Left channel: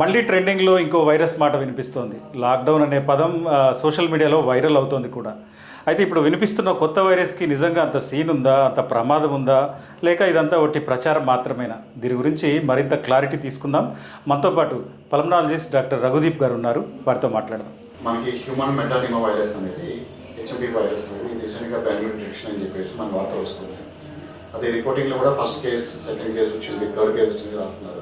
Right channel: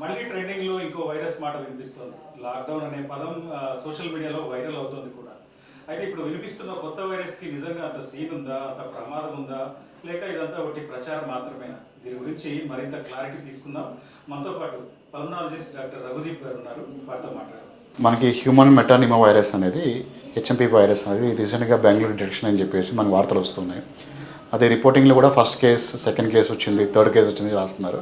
మళ్ళీ ట్రెండింగ్లో ఇంకో వైరస్ మాట వినిపిస్తోంది. లాక్డౌన్ అనే పదం సోషల్ మీడియాలో వైరల్ అవుతోంది కూడా. అయితే ఇప్పుడు వినిపిస్తున్న కొత్త వైరస్కి నిజంగా అంత సీన్ ఉందా, అంత ప్రమాదం ఉందా, లేక ఇదంతా ఒట్టి ప్రచారం మాత్రమేనా? దీని గురించి మరింత క్లారిటీ తీసుకుందాం. మనతో పాటు పల్మనాలజిస్ట్ డాక్టర్ రఘుదీప్ గారు ఉన్నారు, వారితో మాట్లాడదాం. మనకి హ్యూమన్ మెటానిమా వైరస్ అనేది హెచ్ఎంపీ వైరస్ అనేది రీసెంట్గా బెంగళూరు డిటెక్షన్ అని చెప్పేసి మనకు వార్తలు వస్తున్నాయి. అదే రిపోర్టింగ్లో కూడా ఫస్ట్ కేసు, సెకండ్ కేసు వచ్చింది, థర్డ్ కేసు వచ్చింది రాస్తున్నారు.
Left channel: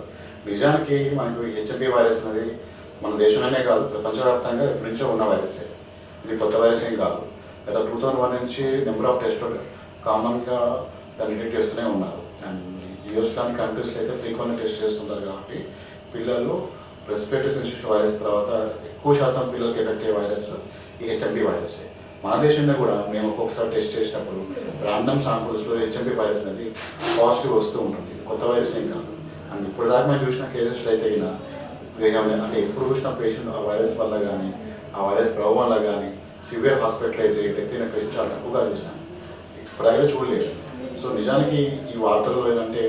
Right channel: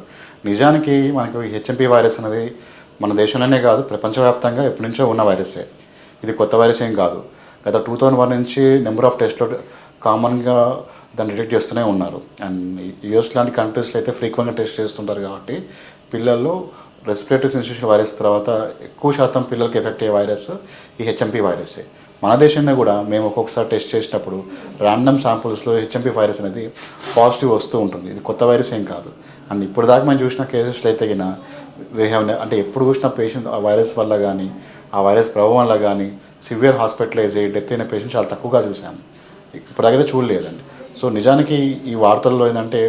నిజానికి మనకు హెచ్ఎంపీ వైరస్ అనేది మన దేశంలోనే కాదు, ప్రపంచవ్యాప్తంగా ఎప్పటి నుంచో ఉన్న వైరసే. ఇది కొత్త వైరస్ ఏం కాదు. గత 2001 నుంచి నెంబర్ ఆఫ్ టెస్ట్లో కామన్గా దాన్ని డిటెక్ట్ చేస్తూనే ఉన్నారు. అండ్ యూఎస్ లాంటి కంట్రీస్లో అయితే ఫ్రీక్వెంట్గా టెస్ట్ చేస్తుంటారు కాబట్టి పిల్లల్లో రెస్పిరేటరీ సిన్సియేషన్ వైరస్ తర్వాత ఎక్కువ శాతం పిల్లలకి ఎఫెక్ట్ అయ్యే వైరస్ ఈ హెచ్ఎంపీ వైరసే. మన దేశంలో కూడా మేము ఒక్కొక్కసారి టెస్ట్ చేసినప్పుడు ర్యాండమ్ శాంపుల్స్లో హెచ్ఎంపీ వైరస్ అనేది పాజిటివ్ వస్తూ ఉంటుంది. ఇది కొత్త వైరస్ ఏం కాదు. అండ్ ఇప్పుడు దాకా మనం చూసిన కేసెస్లో అయితే కినా అంటే ఎప్పుడు చూసిన పేషెంట్ ఆ వైరస్ వల్ల కానీ ఆ వైరస్ ప్రభావం వల్ల కానీ సివియర్ హాస్పిటలైజ్ అయ్యి డెత్ అయిన పేషెంట్ చాలా తక్కువగా చూసాము. ఇప్పటికైతే చూడలేదండి. సో నిజానికి ఈ వార్తల్లో ఏంటంటే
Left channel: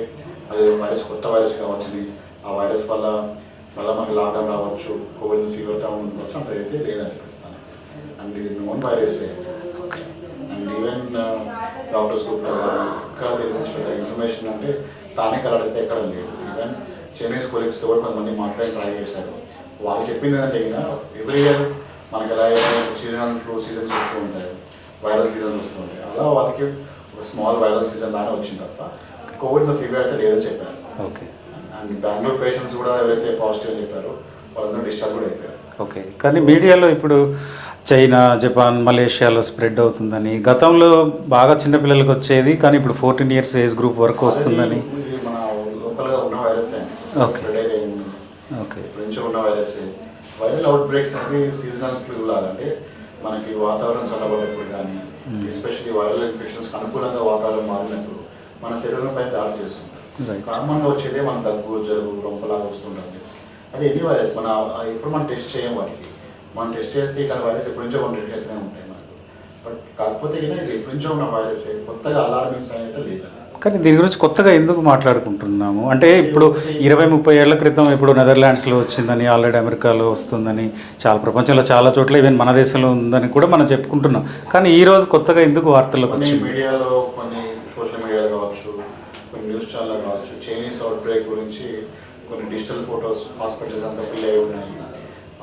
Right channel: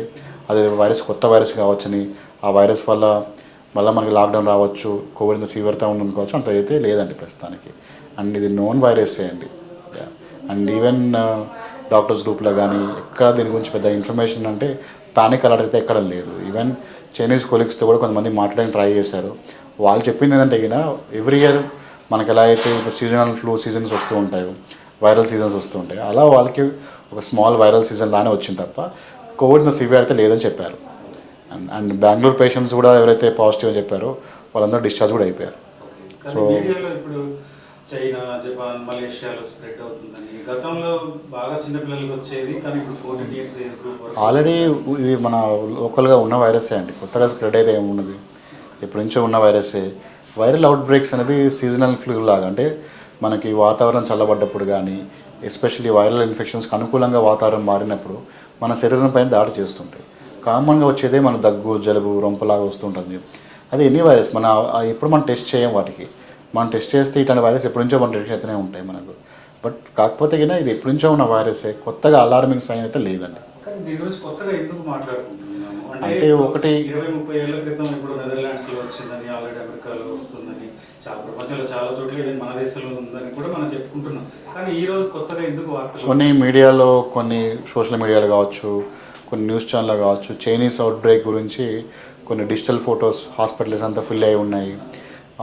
అది వైరస్ కొత్త వైరస్ కావచ్చని, ఆ వైరస్ వల్ల మళ్ళీ మనకి లాక్డౌన్ రావచ్చు, కోవిడ్ సీవియర్గా ఉండుకోవచ్చు, అంత అయితే లేదండి ప్రస్తుతానికి. అండ్ ఇది నోన్ వైరస్ అండి. అండ్ ఈవెన్ డాక్టర్స్ గ్రూప్లో కానీ ఎక్కడ దీని గురించి పెద్ద ఇన్ఫర్మేషన్ అంటే పానిక్ అలర్ట్ అయితే ఎక్కడ లేదు. ఈవెన్ చైనీస్ కొలీగ్స్తో కూడా కొంతమంది మాట్లాడడానికి ట్రై చేశారు. వాళ్ళు చెప్పింది ఏంటంటే కినా ఎవ్రీ ఇయర్ మనకి ఎలా అయితే సీజనల్ ఫ్లూ సీజన్స్ వస్తూ ఉంటాయో, వైరల్ సీజన్స్ వస్తూ ఉంటాయి, అలా వాళ్ళకి ఒక స్మాల్ వైరల్ సీజన్ లానే వచ్చింది తప్ప కోవిడ్ సివియర్ అయితే లేదని చెప్పారు. ఓకే. అండ్ బెంగళూరు పేషెంట్స్ కూడా ఎవరైతే పాజిటివ్ అని చెప్పారో వాళ్ళందరూ డిశ్చార్జ్ కూడా అయిపోయారు. ఓకే. కానీ మీడియాలో ఇప్పుడు చైనా, జపాన్, మలేషియాలో స్ప్రెడ్ అవుతుందని, గతంలో బాగా చిన్నపిల్లలకు వచ్చేది కానీ ఇప్పుడు 14 years ఏజ్ గ్రూప్ వరకు వస్తుందని. ఇది మన లోకల్గా ఉన్న వైరసే అండి, కొత్తగా స్ప్రెడ్ అయితే ఏమున్నది. ఇప్పటి నుంచో ఉన్న వైరసే. వైరల్ అవుట్ బ్రేక్స్ అనేది సీజనల్ ఫ్లూ లాగా, అంటే మనకి వాతావరణం చల్లబడ్డప్పుడు కానీ ఎస్పెషల్లీ వైరల్ ఇన్ఫెక్షన్స్కి అనుకూలంగా వాతావరణం మారినప్పుడు మన శరీరం పైన దాడి చేస్తుంటాయి. కామన్గా వచ్చేదే మన దగ్గు, జలుబు, రొంపలాగా వస్తుంటుంది. అది ఎనీ వైరస్ మన ఎప్పుడు మనం టెస్ట్ చేయం వాటికి. మనం టెస్ట్ చేస్తే ఇట్లాంటి వైరస్ ఎప్పటి నుంచో మనం డిటెక్ట్ అయితేనే ఉంటాయి మనకు. బట్ కాకపోతే కానీ ఇది ఎప్పటి నుంచో ఉన్న వైరసే, కొత్తగా అలార్మింగ్ సైన్ అయితే లేదండి. కానీ దీని గురించి కొత్తగా ఎందుకు మాట్లాడుకుంటున్నాము అంటే ఇప్పుడు 20-30 ఏళ్ల క్రితం ఇప్పుడు నెదర్లాండ్స్లో వచ్చిందని, ఆల్రెడీ అమెరికాలో వస్తుందని, చాలా ప్రపంచంలో చాలా చోట్ల ఈవెన్ మన దేశంలో ఉందని కూడా మనం చెప్పుకుంటున్నాం. కానీ ఈరోజు కొత్తగా ఎందుకు వార్తలు? కొన్ని మీడియాలో, కొన్ని సోషల్ మీడియాలో కావచ్చు, కొన్ని న్యూస్ ఛానల్లో కావచ్చు, చైనీస్ అవుట్ బ్రేక్ గురించి కొన్ని డిజిటల్ ఫొటోస్ హాస్పిటల్స్ అంతా ఫిల్ అయి ఉన్నాయి,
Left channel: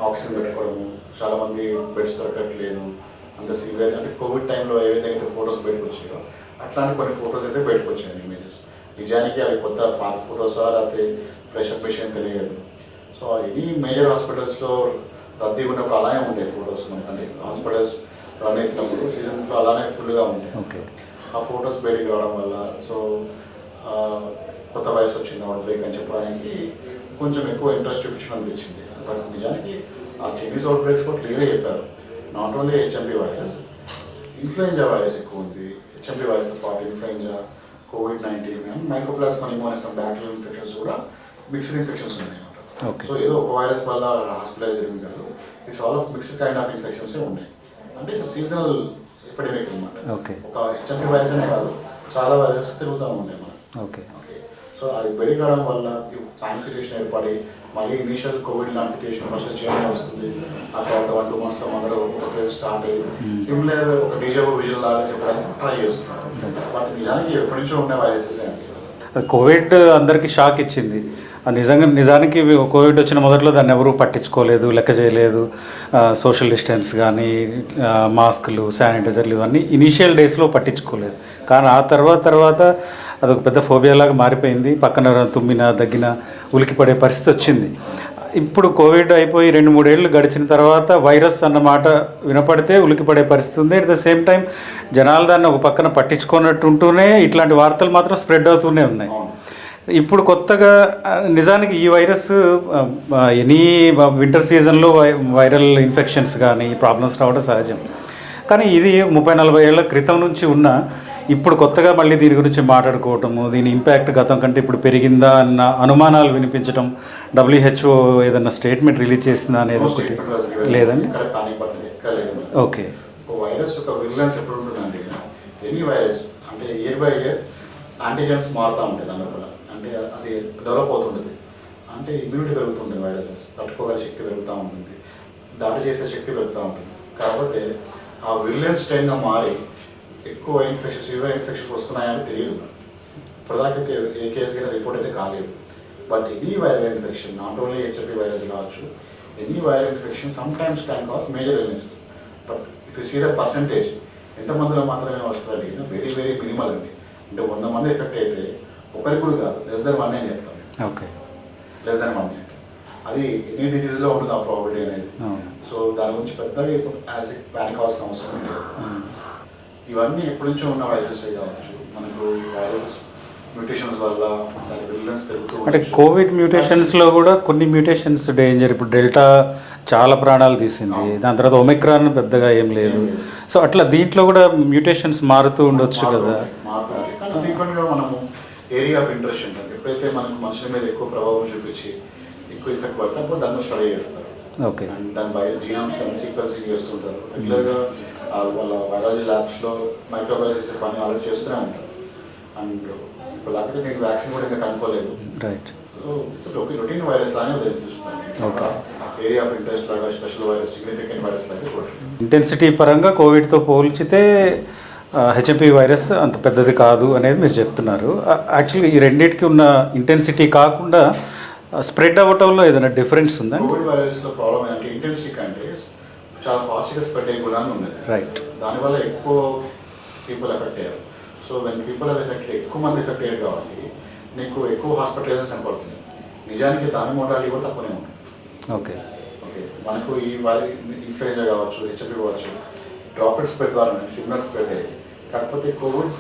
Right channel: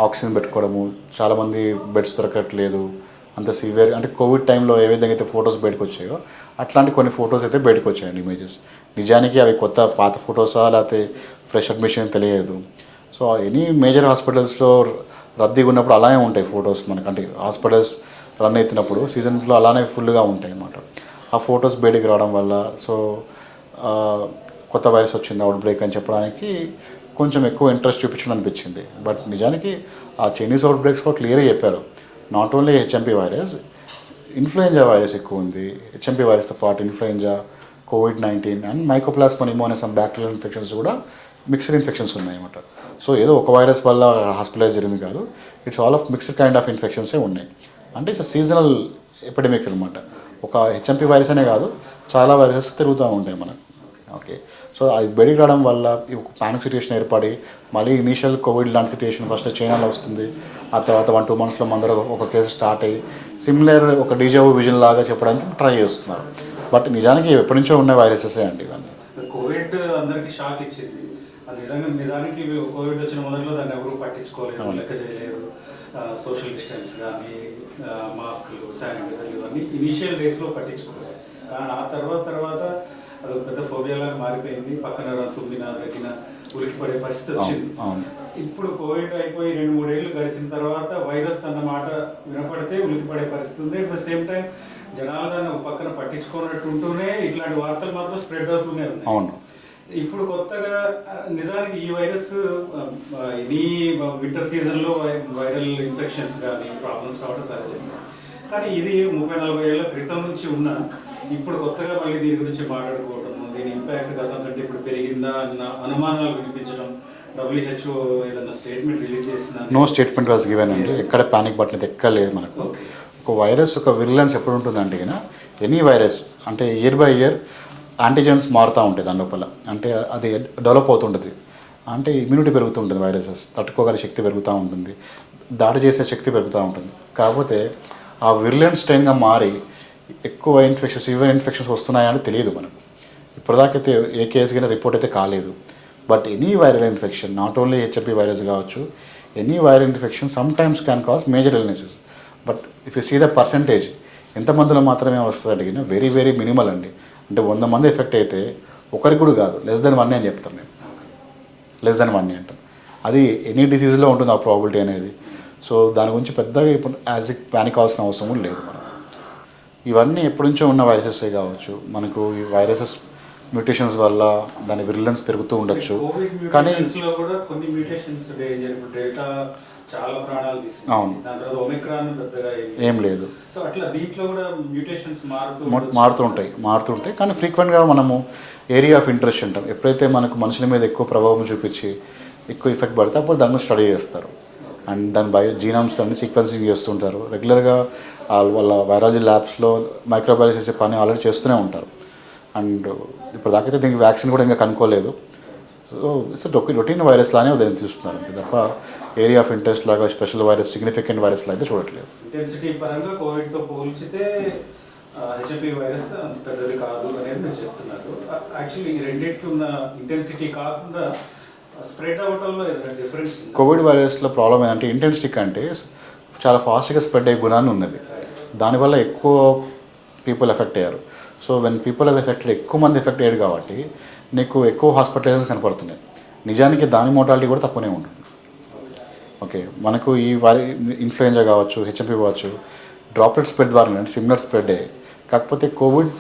ఆక్సిజన్ పెట్టుకోవడము, చాలామంది బెడ్స్ దొరకట్లేదు, అంత సివియర్ అంటే కోవిడ్ టైంలో ఏ విధంగా అయితే ఫొటోస్ బయటకు వచ్చాయో అట్లాంటి కొన్ని ఫొటోస్ అయితే బయటకు వచ్చాయండి, ఇమేజెస్. నిజానికి అవి కొత్త పాత ఫొటోసా లేకపోతే ఫ్రెష్ అడ్మిషన్ తెలియదు. సో ఎనీ మేజర్ హాస్పిటల్స్లో రద్దీగా ఉన్నప్పుడు అలానే ఉంటాయి ఫొటోస్ మనకు, అంటే హాస్పిటల్స్ రన్ అవుతున్నప్పుడు సీజన్లో అలానే ఫుల్గా ఉంటాయి. ఆ ఫొటోస్ బయటికి రావడం వల్ల సో కొత్త వైరస్ వచ్చింది, అవుట్ బ్రేక్ అని చెప్పడానికి కొంచెం ఎక్కువ ఇంట్రెస్ట్ చూపించడం అనిపించింది. బట్ నిజానికి ఆ చైనీస్ అవుట్ బ్రేక్స్ కూడా క్లియర్గా చెప్పారు, not only HMP virus, influenza virus ఎక్కువ ఉంది. హెచ్ఎంపీ వైరస్తో పాటు influenza, COVID-19 and mycoplasma pneumonia some bacterial infections కూడా మిక్స్డ్ ఇన్ఫెక్షన్స్ ఉన్నాయన్నమాట. సో ఏదో ఒక వైరస్ వల్ల హాస్పిటలైజ్ జరిగింది కాదు, it's all of mixed kind of ఇన్ఫెక్షన్సే ఉన్నాయి. అంటే ఇట్స్ సీజనల్ ఎపిడమిక్ అనమాట. ఒక హెచ్ఎంపీ వైరస్ అనే కాదు, చాలా వైరసెస్ తిరుగుతూ ఉంటాయి మనం. ఓకే. సో అది బయటికి రావడం వల్ల పానిక్ సిచ్యువేషన్ ఏర్పడి మళ్ళీ ఇనీషియల్ కోవిడ్ లాంటి సిచ్యువేషన్ ఫస్ట్ చైనాలో వస్తుంది, ఆ తర్వాత 1-2 monthsలో అందరూ ఒక కేసు స్టార్ట్ అయ్యి సిమిలర్ ఒక డిజావు విజన్ లాగా చెప్పడానికి ట్రై చేస్తున్నారు. బట్ నిజానికి ఎప్పటి నుంచో ఉన్న వైరసెసే అండి. కోవిడ్ అందరికీ షాక్ ఇచ్చింది. నిజానికి కోవిడ్ వచ్చిన మొదట్లో దాన్ని ఎవరూ పట్టించుకోలేదు, లెక్క చేయలేదు. సోషల్ డిస్టెన్స్ కానీ, మాస్కులు, శానిటైజర్లు ఇవన్నీ ఇనీషియల్ డేస్లో పట్టించుకోలేదు. కానీ ఆ తర్వాత అదొక పెద్ద ఫోబియాలాగా మారిపోయింది. పక్కన తుమ్మిన, దగ్గిన ఉలికిపడే పరిస్థితి వచ్చింది. ఇప్పుడు కోవిడ్ అయిపోయి 2-3 ఏళ్ళు గడిచిన తర్వాత వైరస్ అన్న మాట వినపడితే ఉలికిపడే పరిస్థితి ఉంది. అట్ ద సేమ్ టైం జనాలు దాన్ని ఒక పక్కన పట్టించుకున్నట్టు ఉంటూనే ఇట్లాంటి వార్తలు మాత్రం స్ప్రెడ్ అవుతూనే ఉన్నాయి. ఇప్పుడు కొత్తగా నిజానికి ఈ వైరస్ ఎనీ వింటర్ సీజన్లో వైరల్ ఇన్ఫెక్షన్స్ కానీ ప్రాబ్లమ్స్ రావడం సహజం. కానీ ఇది 30-40 ఏళ్ల క్రితం నుంచి ఉన్న, ఇప్పుడు కొత్తగా మళ్ళీ దీని గురించి మాట్లాడుకోవటము, దీని ఇంపాక్ట్ గతం కంటే ఇప్పుడు పెరిగిందా అన్న అనుమానాలు వినిపించడం, WHO ఏదన్నా స్టేట్మెంట్ రిలీజ్ చేసిందా అనేది? No statement was given. లేదు, ఇక్కడ పానిక్ బట్టలు ఎక్కలేదు మనకు. ఓకే. ఒక వైరస్ ఒక విరిలెన్స్ ఎప్పుడు ఉంటుందండి, ఎనీ వైరస్ అంటే ఇయర్ బై ఇయర్ యాంటీజెన్స్ మారుతూ ఉంటాయి దాని లోపల, అంటే అది డెవలప్ అవుతుంటుంది. అంటే ఇమ్యూనిటీ పెరుగుతుంటుంది, వైరసెస్ తట్టుకోగల శక్తి పెరుగుతూ ఉంటుంది, దాడి చేసే శక్తి పెరుగుతూ ఉంటుంది. కాకపోతే ఆ విర్లెంట్ స్ట్రెయిన్గా మారి ఎక్కువ ఇన్ఫెక్షన్స్, సివియర్ ఇన్ఫెక్షన్స్ వస్తున్నాయని తెలియదు మనకు. ఇప్పటిదాకైతే ఏ కేసు కింద రిపోర్ట్ అయితే కాలేదు. But any viral infection, not only HIV virus కావచ్చు, any viral infection sometimes can cause major illnesses. But if you see the percentage ఎంతమందిలో మాత్రమే వస్తుంది అడిగినా వెరీ వెరీ మినిమల్ అండి. అంటే 100 మంది ఎఫెక్ట్ అయితే ఒకరికి కూడా కాదు, లెస్ దెన్ 1 అని చెప్తాను నేను. ఓకే, లెస్ దెన్ 1 అంటే అది ఎనీ డిసీజ్లో ఉంటుంది ఆ ప్రాబిలిటీ అనేది. సో దాని గురించి పెద్దగా ఇప్పుడు యాజ్ ఇట్ ప్యానిక్ అవ్వాల్సిన అవసరం లేదు. ఇవన్నీ ఎప్పటి నుంచో ఉన్న వైరసెస్ కావచ్చు. మనకు ఈ వైరసెస్ మ్యూటేషన్స్ వల్ల దాని విరిలెన్స్ పెరుగుతూ అంటే ఉండొచ్చు. కోవిడ్ మ్యూటేషన్స్లో కూడా కొన్ని మ్యూటేషన్స్ డేంజర్. ఇప్పుడు డెల్టా చాలా ప్రాణాలు తీసింది, దాని తర్వాత ఒమిక్రాన్ పెద్దగా ఏం లేదు. సో అట్లా దీంట్లో కూడా మ్యూటేషన్స్ మారుతుంటాయి. కానీ ఫ్రీక్వెంట్గా మనము ఏరియా ఆఫ్ ఇంట్రెస్ట్ అంటాం. ఎప్పుడైతే మనకు మనుషుల మీద ఎక్కువ ప్రభావం చూపించి ఎక్కువ ఎఫెక్ట్ పడితే అప్పుడు దాన్ని స్టడీ చేస్తారు. ఓకే, అండ్ దాని జీనోమ్స్ అన్ని సీక్వెన్సింగ్ చేస్తుంటారు. రెగ్యులర్గా వాళ్ళ వైరాలజీ ల్యాబ్స్లో మైక్రోబయాలజీ చేసే పని ఆల్రెడీ చేస్తూనే ఉంటారు. అండ్ ఇప్పుడు దాకైతే దీనికి వ్యాక్సిన్ కూడా ఇంకా కనుక్కోలేదు. Right. So it's routine virus లానే దాన్ని చూస్తున్నారు తప్ప ఏరియా ఆఫ్ ఇంట్రెస్ట్ లాగా స్పెషల్ వైరస్, సిగ్నిఫికెంట్ వైరస్ లాగా చూడట్లేదు. ఇంటెన్సిటీ పరంగా కోవిడ్తో పోల్చితే హెచ్ఎంపీ వైరస్ అంత పెద్దది కాదు అనేది మీరు చెప్తున్నారు. యాక్చువల్లీ ఈ రెండింటికి ఉన్న ఇంటెన్సిటీ కాకుండా స్ప్రెడ్ అవ్వటంలో ఏదైనా డిఫరెన్స్ ఉందా? కోవిడ్ వైరస్లో ప్రాబ్లం ఏంటంటే ఇంటెన్సిటీ కంటే చాలా ఫాస్ట్గా స్ప్రెడ్ అయ్యే గుణాన్ని ఉన్నది. రైట్. దానివల్ల ఎక్కువ పీపుల్ ఎఫెక్ట్ అయ్యారు. So when people are affected, ఎక్కువ మంది ఎఫెక్ట్ అయ్యారు కాబట్టి నీకు ఎక్కువ హాస్పిటలైజేషన్ కనపడుతున్నాయి. నిజానికి దాని మోటాలిటీ కూడా తక్కువనే ఉంటుంది. ఓకే ఓకే మనకు ఈ ఇన్ఫ్లుయెంజా కావచ్చు, హెచ్ఎంపీ కావచ్చు, డ్రాప్లెట్ స్ప్రెడ్ ద్వారా సిమిలర్ స్ప్రెడ్ అయ్యాయి. కాకపోతే కోవిడ్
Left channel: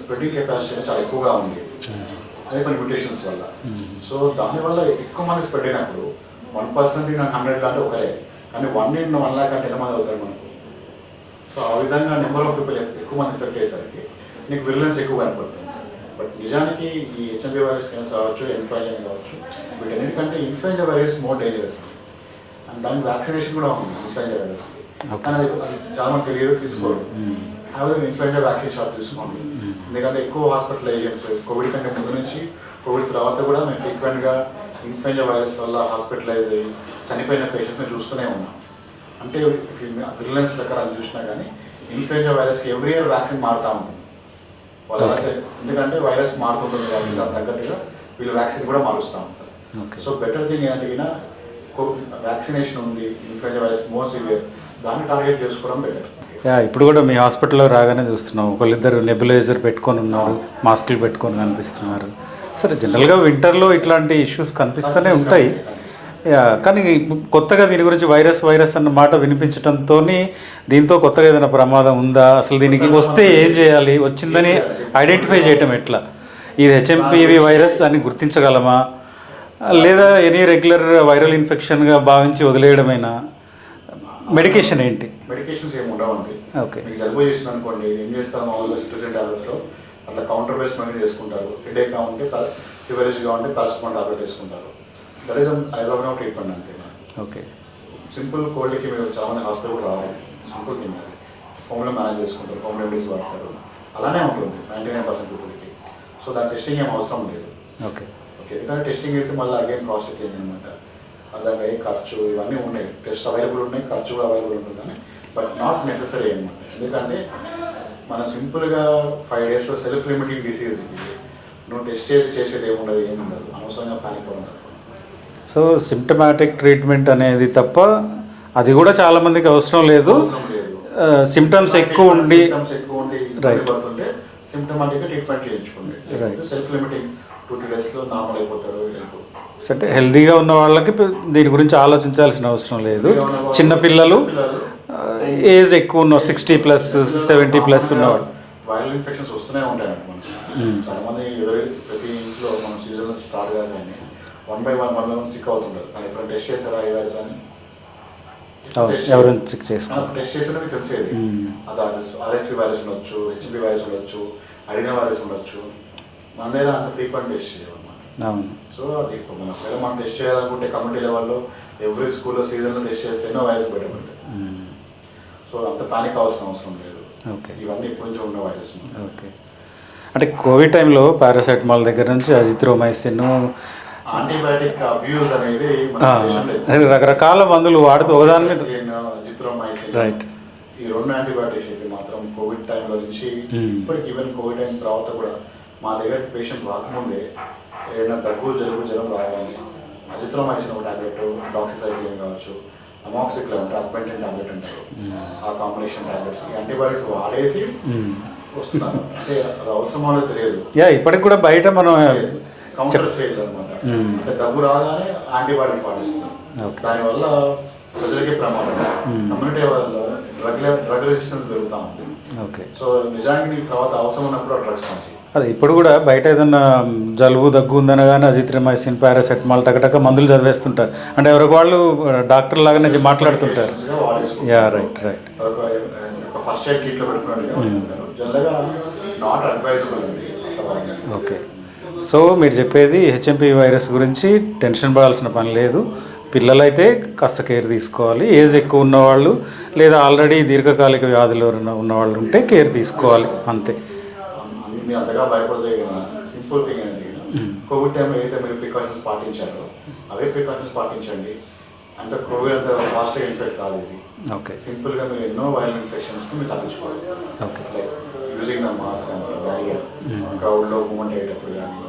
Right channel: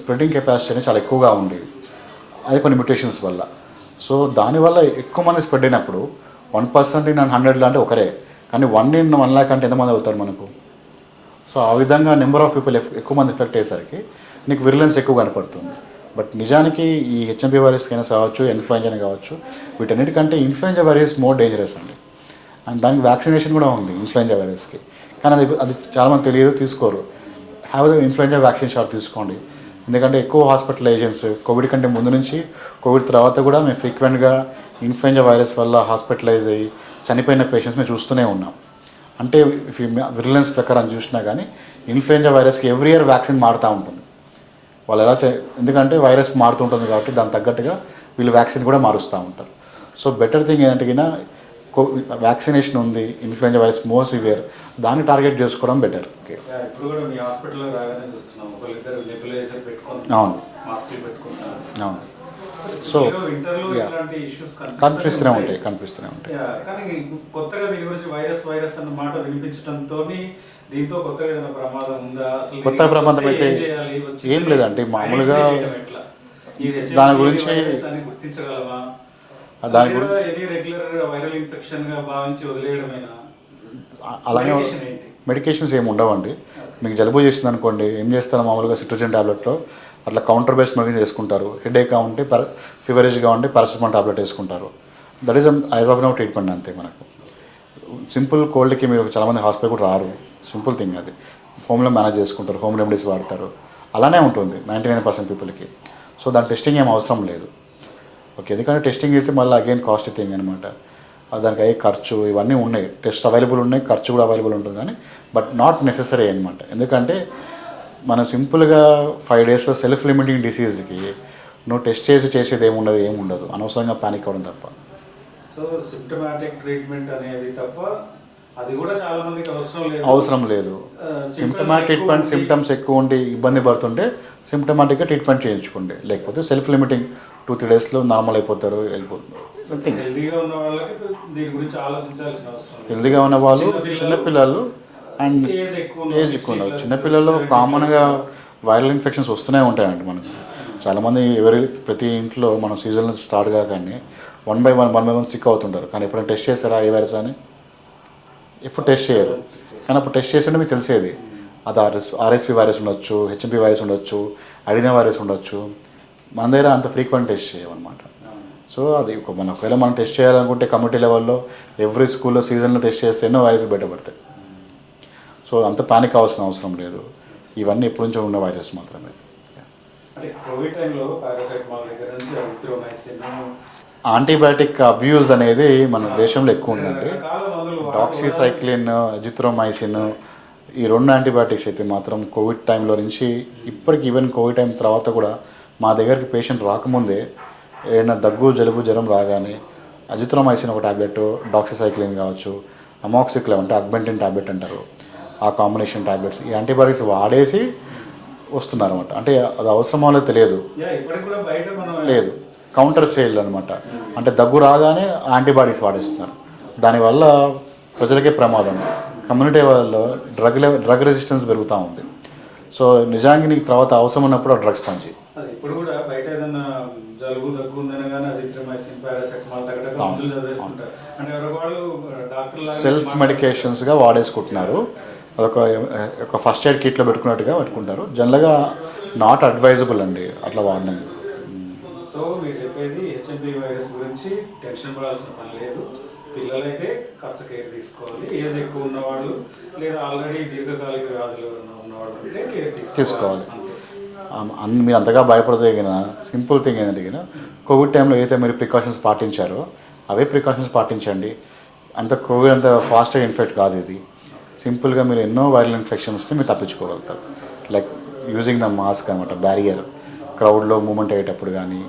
స్ప్రెడింగ్ కెపాసిటీ అనేది చాలా ఎక్కువగా ఉండేది, అది కొన్ని మ్యూటేషన్స్ వల్ల. సో దానివల్ల ఎక్కువ మంది స్ప్రెడ్ అయినప్పుడు 1% ఇన్ 100 అంటే ఒకరే, కానీ 1 in 1 lakh అంటే ఎంతమంది అవుతారు మనకు? సో ఆ విధంగా నెంబర్ ఆఫ్ పీపుల్ ఎక్కువ మంది ఎఫెక్ట్ అయ్యేసరికి నీకు విరిలెన్స్ ఎక్కువ కనపడుతుంది. బట్ నిజానికి ఈ హెచ్ఎంపీ వైరస్ కైనా కావచ్చు, ఇన్ఫ్లుయెంజా కావచ్చు, వీటన్నిటికంటే ఇన్ఫ్లుయెంజా వైరస్ మోర్ డేంజరస్ అండి. అండ్ దానికి వ్యాక్సినేషన్ కూడా ఉంది ఇన్ఫ్లుయెంజా వైరస్కి. కానీ అది చాలామంది తెలియదు, తీసుకోరు. హ్యావ్ ఇన్ఫ్లుయెంజా వ్యాక్సిన్ షాట్ తీసుకోండి. ఎందుకంటే ఎక్కువ హాస్పిటలైజేషన్స్ కోవిడ్ కంటే ముందు నుంచి కోవిడ్ తర్వాత కూడా మేము ఫ్రీక్వెంట్గా ఇన్ఫ్లుయెంజా వైరస్ వల్ల హాస్పిటలైజ్ అయ్యి చనిపోయిన పేషెంట్స్ మేము చూస్తూనే ఉన్నాం. అంటే విరిలెన్స్ ప్రకారం చూసినా కానీ ఇన్ఫ్లుయెంజా వైరస్కి ఎవ్రీ ఇయర్ వ్యాక్సిన్ మారుతూ ఉంటుంది. వాళ్ళు ఎలా ఎందుకంటే వైరస్ మారుతుంటుంది కాబట్టి దానికి తగ్గట్టుగా వీళ్ళు వ్యాక్సిన్ కూడా మారుస్తూ ఉంటారు. సో బెటర్ థింగ్ ఏంటంటే వ్యాక్సినేషన్ ఉంది, ఇన్ఫ్లుయెంజా వైరస్ మోర్ సివియర్, దాన్ని టార్గెట్ చేసుకోవడం బెటర్. ఇప్పుడు కూడా మీ హాస్పిటల్లో రాగానే చూస్తున్నాం, ఒకళ్ళిద్దరు నెబులైజర్ పెట్టుకొని ఉన్నారు, మాస్కులు పెట్టుకొని కనిపిస్తున్నారు. సరే, జనరల్గా వింటర్లో ఇట్లాంటి ఇష్యూస్ కనిపిస్తూనే ఉంటాయి. కానీ కొత్తగా దీని గురించి వైరస్ అన్న మాట వినిపించడంతో దీంతో కొత్తగా ఏదైనా ప్రమాదం ఉందా, అసలు దీనికి వస్తే ఏం చేయాలి, వచ్చిందని ఐడెంటిఫై చేయటం ఎట్లా, ఇది హెచ్ఎంపీవి వైరస్ అని గుర్తించగలమా, లేదా ఎనీ రెగ్యులర్ వైరల్ ఇన్ఫెక్షన్గా భావించి వదిలేయడమైనా? మెడికేషన్ ఏంటి? మెడికేషన్స్ ఏమి ఉండవండి. ఓకే, మీకు జలుబు చేసింది అనుకోండి, ఏం చేస్తారు మామూలుగా సిట్రజిన్ టాబ్లెట్లో అట్లా కౌంటర్ బేస్డ్ మెడిసిన్ వేసుకుంటారు. హెడేక్గా ఉంటే ఫీవరిష్గా ఉంటే పారాసిటమాల్ టాబ్లెట్ వేసుకుంటారు. That is as of now treatment అంతే మనకు. ఓకే, సింపుల్ కోల్డ్కి మీరు చాలామంది హాస్పిటల్ కూడా రారు, సింపుల్ థింగ్ అది. హోమ్లో మేనేజ్ చేసుకుంటారు, హోమ్ రెమెడీస్ వాడతారు. అలానే ఉంటుంది 99% పీపుల్కి. సో దాని టెస్టింగ్ ఏం అవసరం లేదు. ఓకే ఓకే, ఎందుకంటే టెస్టింగ్ చేసి మళ్ళీ అగైన్ కాస్ట్ థింగ్ అనమాట. దానికి అయ్యే ఖర్చు ఇవన్నీ ఉన్నాయి, టెస్ట్ అవైలబుల్ ఉన్నాయి, ఖర్చు కూడా అవైలబుల్ ఉంటుంది. కానీ బట్ నాట్ నెసెసరీ అనమాట. ఎందుకంటే మనం సింపుల్గా 5 daysలో సెల్ఫ్ లిమిటింగ్ డిసీజ్కి నువ్వు టెస్ట్ చేసేది ఏముండదు, అనవసరంగా పానిక్ అవ్వడం తప్ప. సో సిమ్టమాటిక్ ట్రీట్మెంట్ అనేది తప్ప అది కూడా చాలా మందికి అవసరం లేదు. సిమ్టమ్స్ ఎక్కువ ఉండి ఇబ్బంది పడుతుంటే సిమ్టమాటిక్గా ట్రీట్మెంట్ చేయించుకోండి. లేకపోతే సెల్ఫ్ లిమిటింగ్ 2-3 daysలో నార్మల్ అయిపోతారు, వెళ్ళిపోతుంది. అంటే హెల్దీగా ఉన్న వాళ్ళకి దీని గురించి ఆలోచించాల్సిన అవసరం లేదు. చిన్న పిల్లలు ఏజ్ ఎక్కువ ఉన్న 60+, 70+ వైరల్ ఇన్ఫెక్షన్స్ వస్తూనే ఉంటాయండి మనకు. చాలామంది ప్రతి ఇంట్లో మన సీజన్ స్టార్ట్ కాగానే 1 by 1 సిక్ అవుతుంటారు. కానీ ఎప్పుడైనా టెస్ట్ చేస్తారా ఈ వైరస్ అని? ఎప్పుడు టెస్ట్ చేయాలి, అప్పుడు టెస్ట్ చేస్తుంటే మీకు తెలిసేది. అది ఆర్ఎస్వి వైరస్ ఉండొచ్చు, హెచ్ఎంపీ వైరస్ ఉండొచ్చు, అడినా వైరస్ ఉండొచ్చు. మన దగ్గర అంత ఫ్రీక్వెంట్ టెస్ట్ చేయమన్నమాట. సో అది ఒకవేళ మనం టెస్ట్ చేయాలనుకుంటే కమ్యూనిటీ లెవెల్లో ఎవ్రీ స్కూల్లో సీజన్లో టెస్ట్ చేస్తే ఎన్నో వైరస్ బయటపడతాయి. సో అంత పానిక్ అవ్వాల్సిన అవసరం లేదు. ఇవన్నీ ఎప్పటి నుంచో ఉన్న వైరస్ మాత్రం. అంటే కోవిడ్ టైంలో పారాసెటమాల్ దగ్గర నుంచి అజిత్రోమైసిన్, యాంటీబయాటిక్ అబ్యూజ్ అనేది మన దేశంలో ఎక్కువ అదే రకరకాల మందులు వాడుతూ ఒకదాని మీద- ఆక్సిసైక్లిన్, అజిత్రోమైసిన్, ఈ 2 యాంటీబయాటిక్స్ అయితే మాత్రం కోవిడ్ టైంలో నుంచి ఇప్పటికి ఈవెన్ కోవిడ్ టైం తర్వాత కూడా మా దగ్గరికి పేషెంట్ రాకముందే ఏదైనా దగ్గు జలుబు జ్వరం రాగానే అజిత్రోమైసిన్ ఒక టాబ్లెట్, డాక్సిసైక్లిన్ కావచ్చు, అమాక్సిక్లిన్ అంటే అగ్మెంటిన్ టాబ్లెట్ అంటారు, ఆ కాంబినేషన్ టాబ్లెట్స్ ఈ యాంటీబయాటిక్స్ వాడేసి వస్తున్నారు అనమాట. అంటే అది అవసరమో తెలియదు, ఇప్పటికి కూడా బయట మనం లేదు కౌంటర్ సేల్ అనమాట. అంటే దగ్గు రాగానే యాంటీబాడీస్ వాడేస్తున్నారు. దానివల్ల ప్రజలకే ప్రమాదం, కమ్యూనిటీ వాళ్ళ డ్రగ్ రెసిస్టెన్స్ పెరుగుతూ ఉంది. ఓకే. సో నిజానికి నీకు తర్వాత అవసరం ఉన్నప్పుడు ఆ డ్రగ్స్ పనిచేయి. అది ఇప్పుడు కూడా బయట ఏదన్నా జలుబు దగ్గు ఉందన కానీ అజిత్రమైసిన్, పారాసెటమాల్ టకటక మందులు చదివేస్తుంటారు. అంటే ఎవరికి వాళ్ళు డాక్టర్ లాగానే మాట్లాడుకుంటారు, మెడికేషన్స్గా వాడేసుకుంటారు. రైట్. అదొక ఫస్ట్ ఎయిడ్ కిట్లో పెట్టుకున్నట్టుగా పెట్టుకుంటారు. జనరల్గా నాట్ అడ్వైజబుల్ అండి అట్లా వాడినది. ఓకే. సో మీరు చెప్పేది హెచ్ఎంపీ వైరస్ గురించి టెన్షన్ పడాల్సిన పని లేదు. పిల్లలైతే కాస్త కేర్ తీసుకోవాలి. ఏజ్ ఎక్కువ ఉన్నవాళ్ళు లేదా ఆల్రెడీ దీర్ఘకాలిక వ్యాధులు ఉన్నవాళ్ళు ఉంటే కేర్ తీసుకోవాలి, అంతే. మీరు అంతగా భయపడదే కదా, సింపుల్ థింగ్ ఏంటంటే కదా, కోవిడ్ టైంలో ఏదైతే మీరు ప్రికాషన్స్ పాటించారో అవే ప్రికాషన్స్ పాటించండి. అంత కోవిడ్ అంత ఫాస్ట్గా ఇన్ఫెక్ట్ కాదు ఇది. ఓకే. సింపుల్గా మీరు ఎన్నో వైరల్ ఇన్ఫెక్షన్స్ని మీరు తప్పించుకోగలుగుతారు. లైక్ యూజింగ్ ద మాస్క్ అనమాట, బ్యారియర్, క్రౌడ్లో మూమెంట్ అయ్యేటప్పుడు కానీ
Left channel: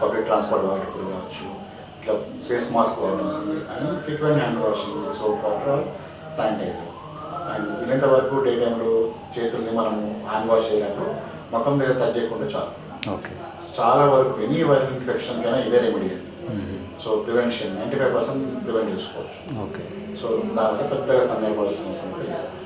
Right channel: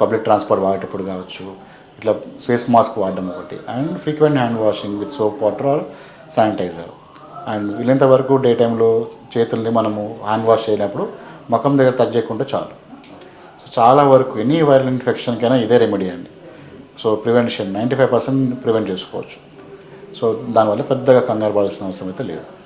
పబ్లిక్ ట్రాన్స్పోర్ట్ వాడేటప్పుడు కావచ్చు, ఇట్లా ఫేస్ మాస్క్ వాడడం ఒకటి, and frequent hand washing with soap water or sanitiser. And వీలైనంత వరకు డే టైంలో చేతుల్ని మనము హ్యాండ్ వాష్ చేయలేనప్పుడు ముఖం దగ్గర టచ్ చేయకుండా చాలు. ఓకే. సో చాలా వరకు ఎనీ వైరల్ ఇన్ఫెక్షన్కైనా ఇదే రెమెడీ అండి. సో ప్రివెన్షన్ 95% ప్రివెంట్ చేసుకోవచ్చు. ఓకే. సో దానివల్ల పెద్దగా కంగారు పడాల్సిన అవసరం అయితే లేదు.